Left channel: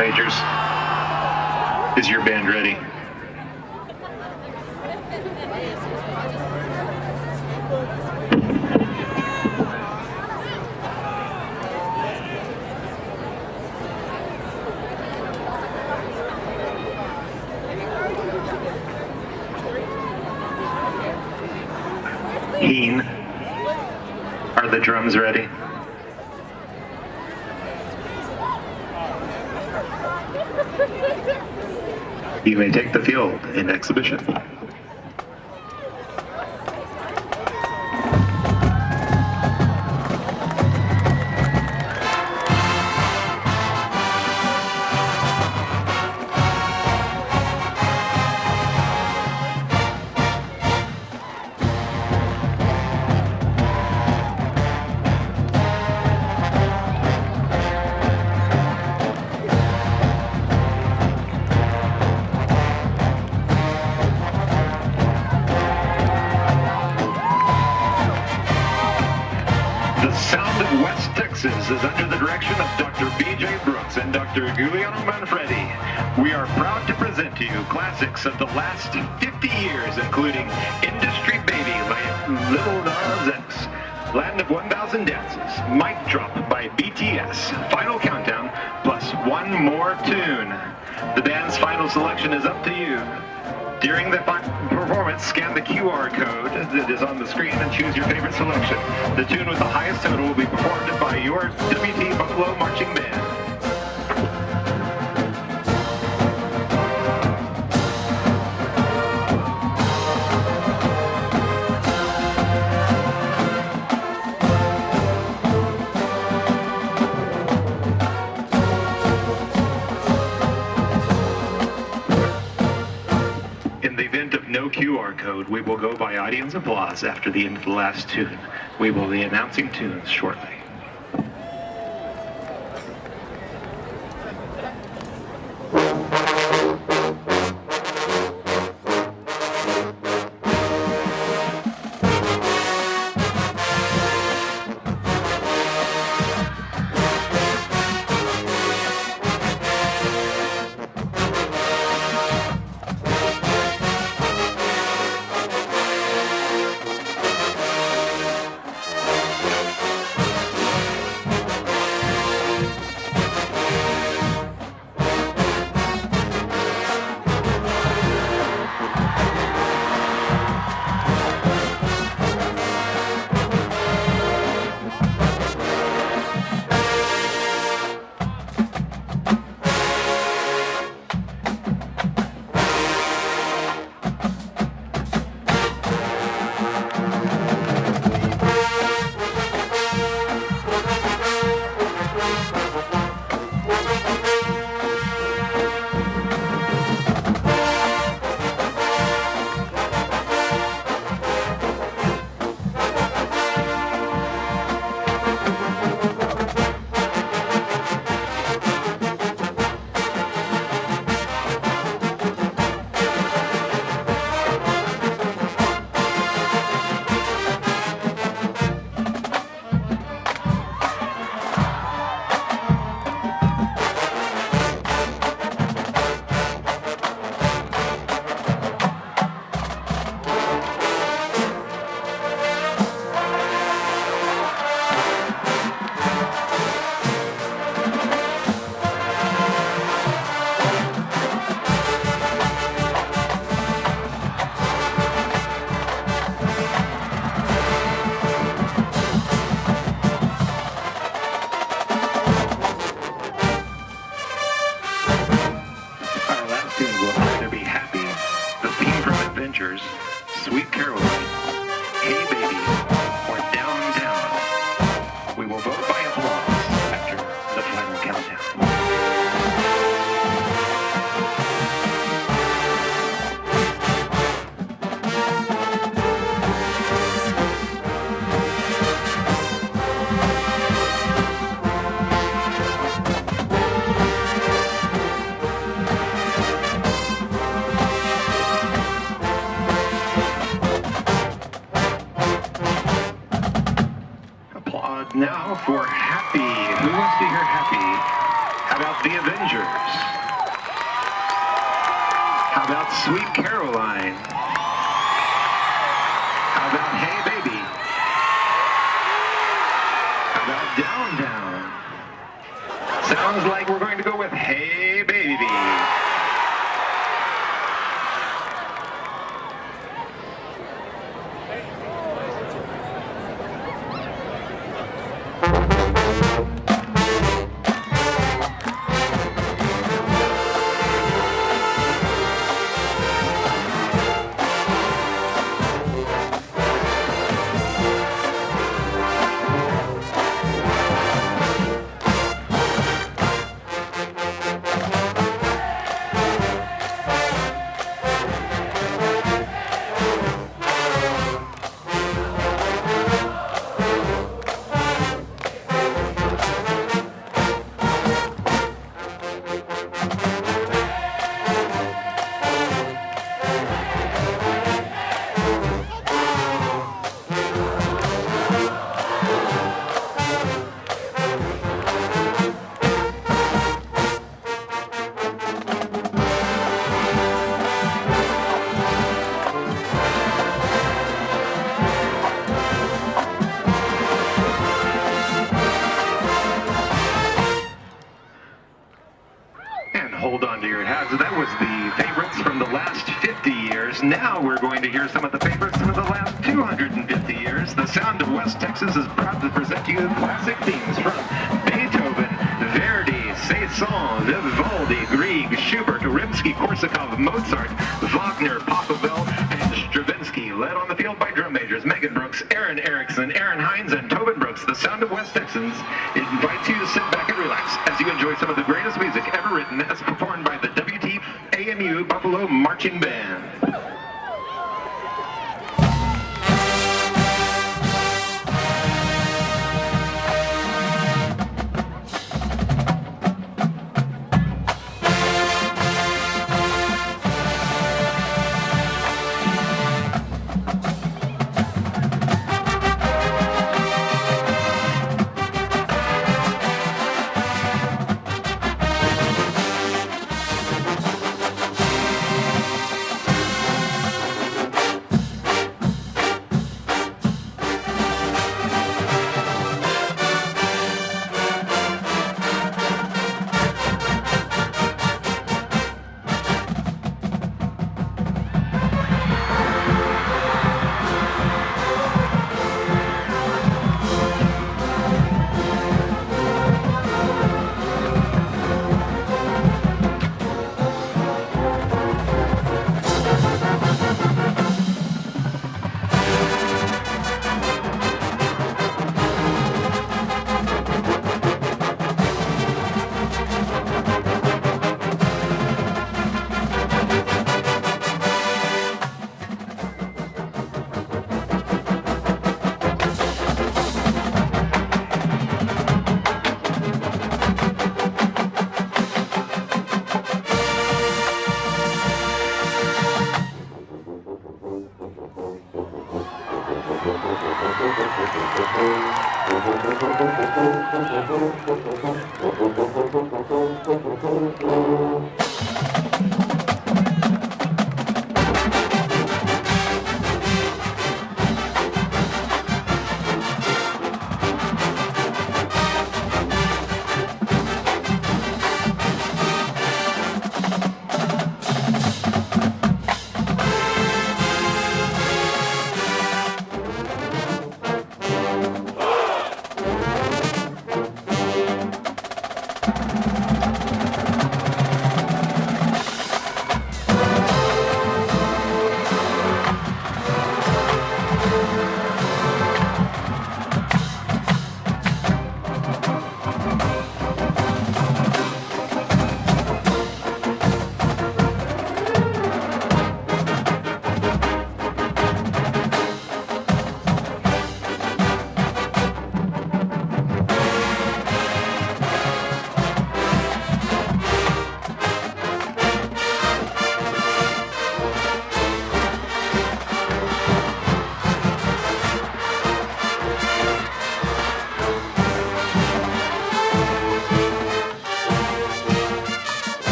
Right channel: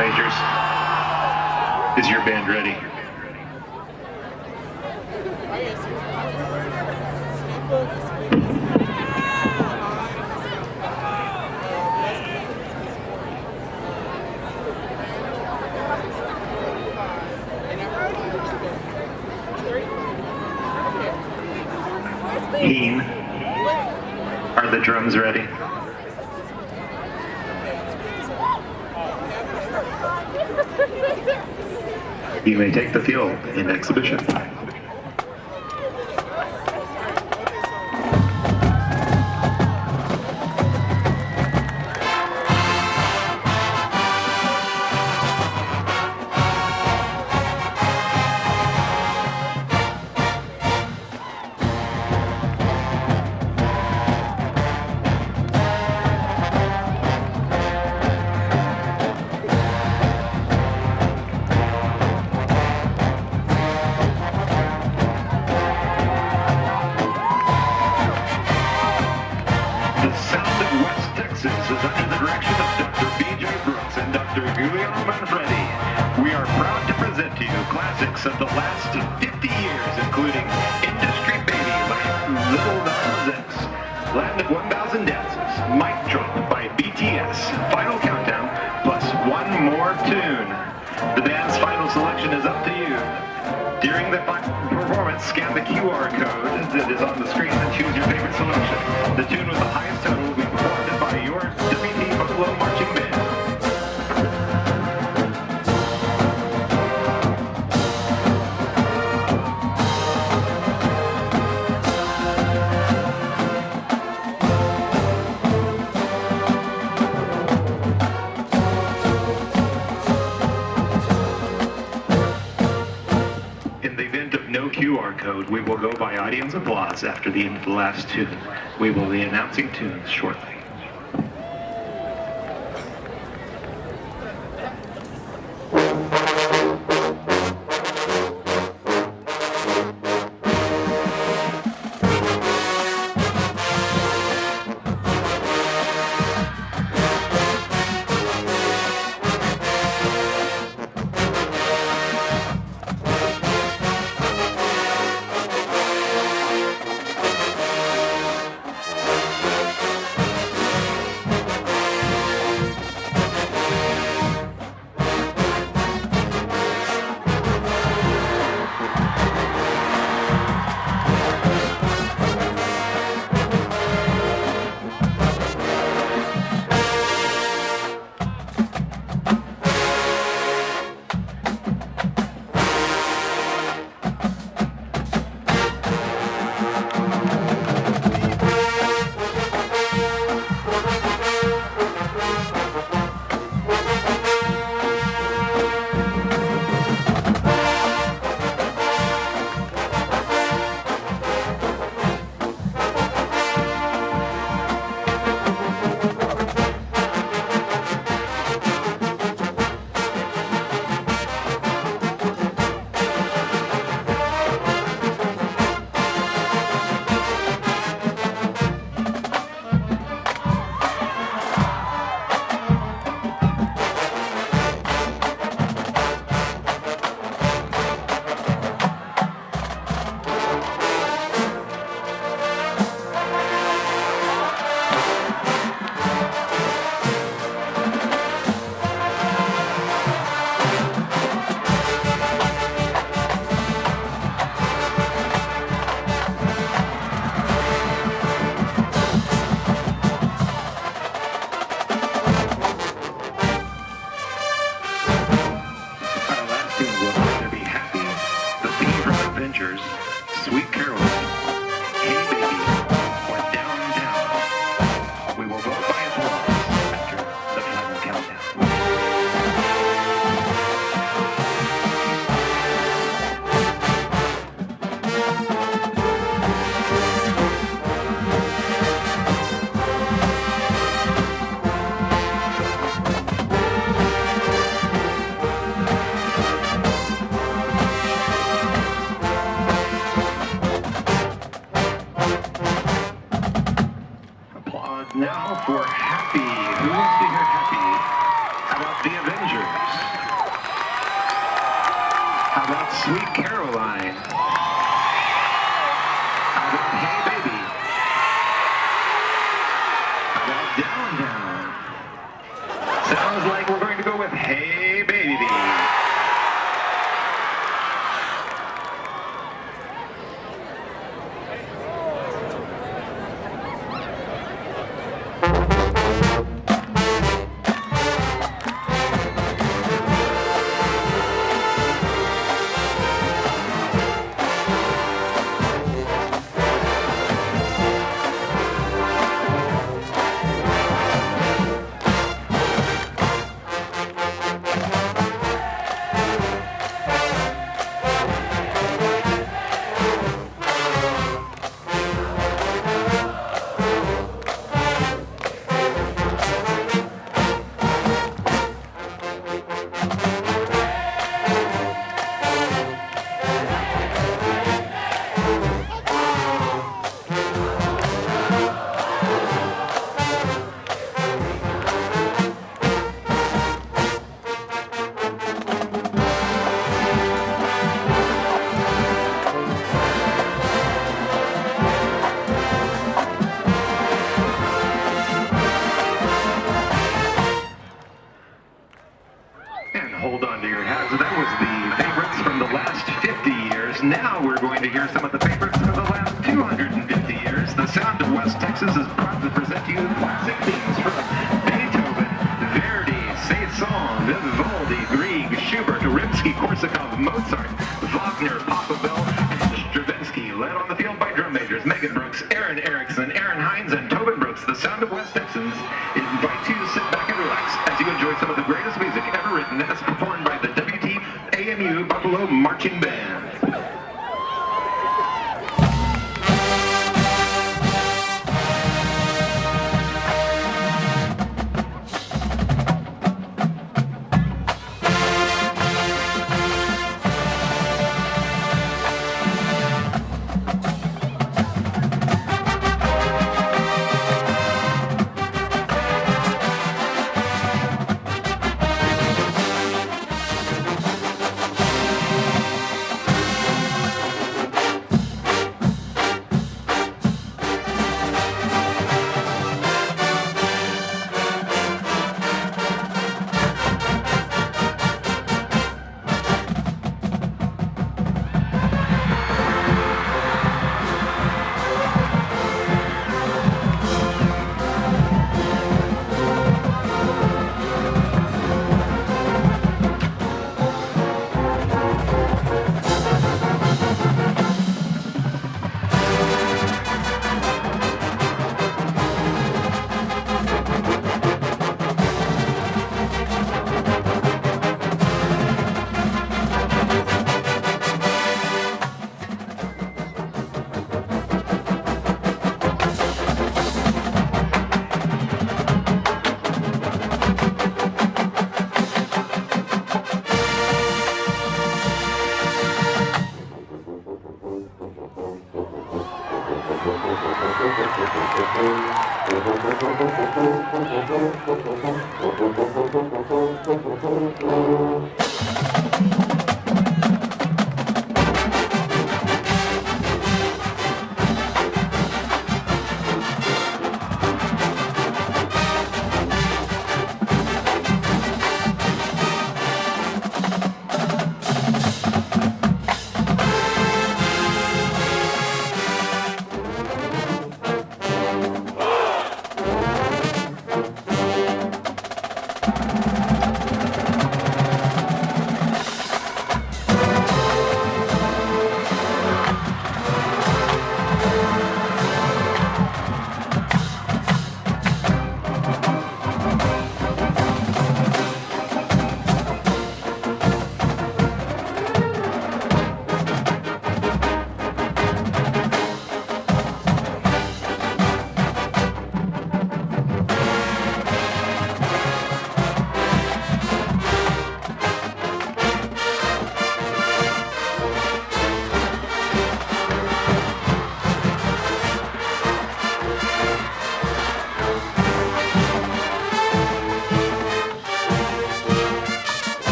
majors. Is your band ready? Heen, are the drums ready? You may take the field in exhibition. The sound of West Texas is under the direction of Dr. B.J. Brooks and Dr. Julio Manfredi. We are proud to present to you classics of the last 50 years, including Industry Baby by Little Nas X, Land of 1,000 Dances, Mic Drop by BTS, Final Countdown, plus one more tune. The band's final selection is up to you. During the performance, scan the QR code that is on the screen and choose your favorite selection. The tune with the highest total will be performed by your WT Buffalo Marching Band. In the event of no QR code, we will go by audience applause after the end of the last tune. We will be announcing tunes shortly. The Avengers? How about Sweet Caroline? How about Hey Baby? How about Down Down? Sounds like we're going to go with Hey Baby. Hold on to your hats. That was the favorites from the last 50 years. Now we're going to hear some of the favorites from the last 250 years. The Sound of West Texas is proud to present to you classic themes from Beethoven, Verdi, Saint-Saëns, Vivaldi, Grieg, Schubert, Rimsky-Korsakov, Mozart, Wagner, Pachelbel, and Stravinsky. Led on the field by drum majors Megan Brooks, Aaron Erickson, Aaron Hines, and Tobin Brooks. The Sound of West Texans invites you to sit back and relax as you enjoy some of the greatest music ever written as performed by the WTAMU Buffalo Marching Band.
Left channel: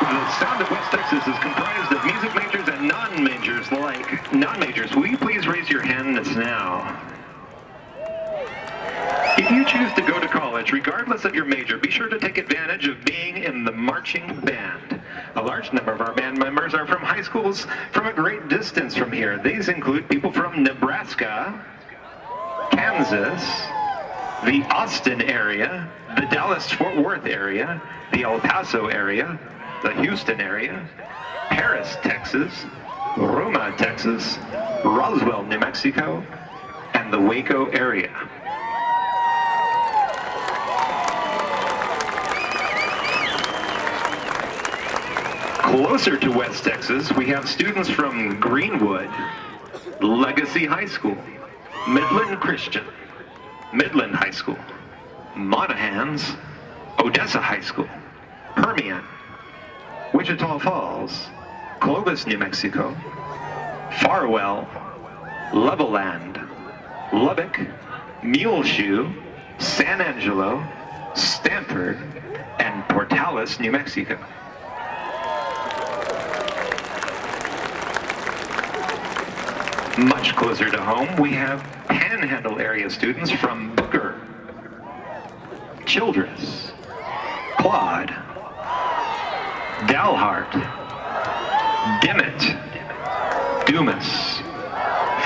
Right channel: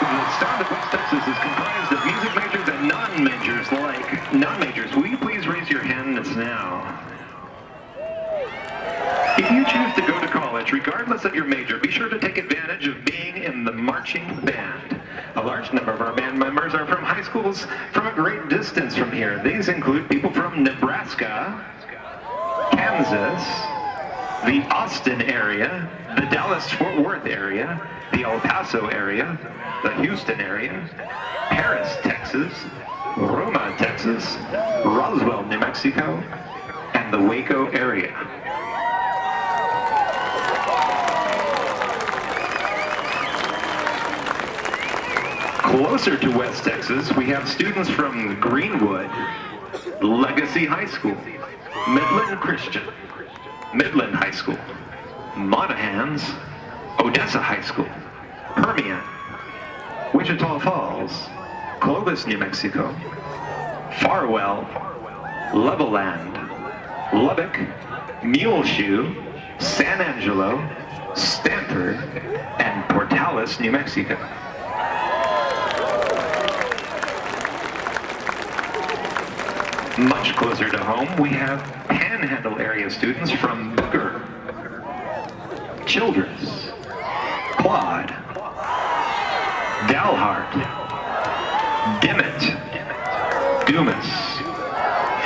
The sound of West Texas is comprised of music majors and non-majors like non-majors. Will you please raise your hands now? If you choose to go to college, regardless of your major, be sure to take advantage of being in the marching band. A large number of our band members are from high schools from a great distance from here. These include people from Nebraska, Kansas, the Austin area, the Dallas-Fort Worth area, the El Paso area, the Houston area, Paris, Texas, Roma, Texas, Roswell, New Mexico, and the Waco area. Closer to West Texas, we have students from Greenwood, Legacy High School, Midland Christian, Midland High School, Monahans, Odessa High School, Permian, Wichita Falls, Clovis, New Mexico, Farwell, Levelland, Lubbock, Muleshoe, San Angelo, Stanford, and Portales, New Mexico. Much closer to home, we have Panhandle area students from Booker, Childress, Claude, Dalhart, Dimmitt, Dumas,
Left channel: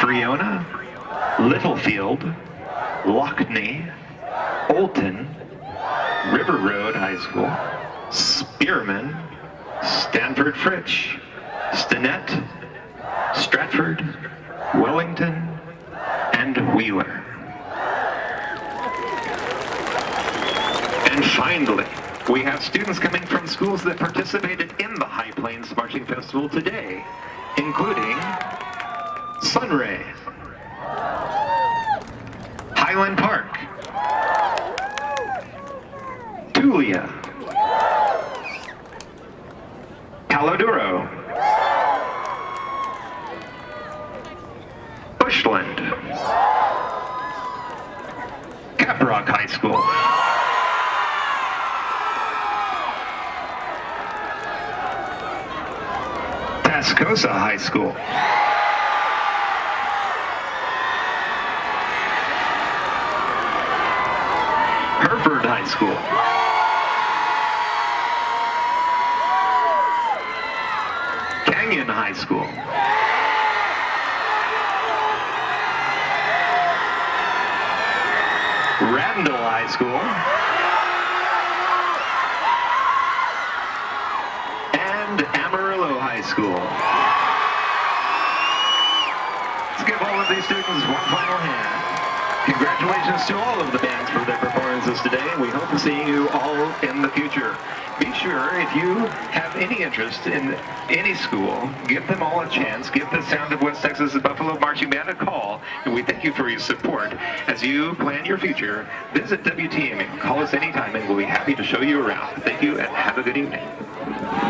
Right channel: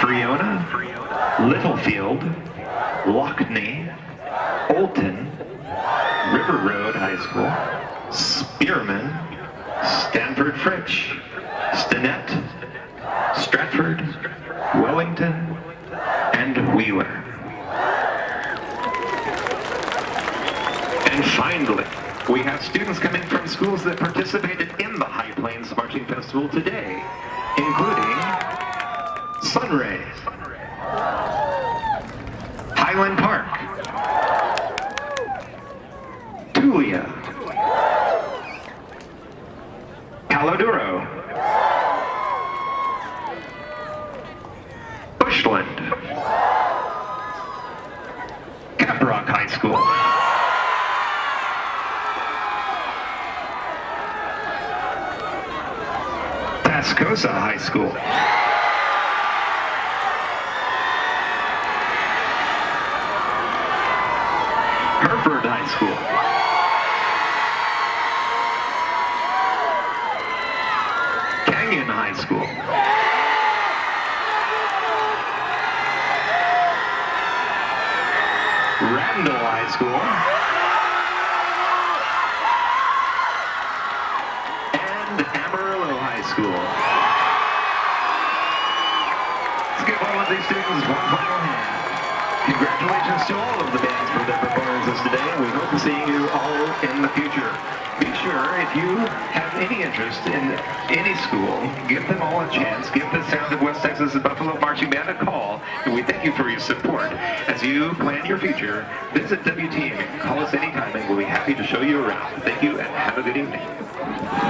Friona, Littlefield, Lockney, Olton, River Road High School, Spearman, Stanford Fritch, Stinnett, Stratford, Wellington, and Wheeler. And finally, we have students coming from schools that participated in the High Plains Marching Festival today, including Sunray, Highland Park, Tulia, Paladuro, Bushland, Caprock High School, Tascosa High School, Hereford High School, Canyon High School, Randall High School, and Amarillo High School. Let's give all of these students one final hand. Congratulations to all of the bands for their performances today. We hope to see you all in the future. Be sure, if you have any interest in any school, give them all a chance. Give the Sound of West Texas Buffalo Marching Band a call. And we thank you for your support. As you plan your future, visit WTM and call us anytime and we'll be happy to show you around. Thank you and have a good evening.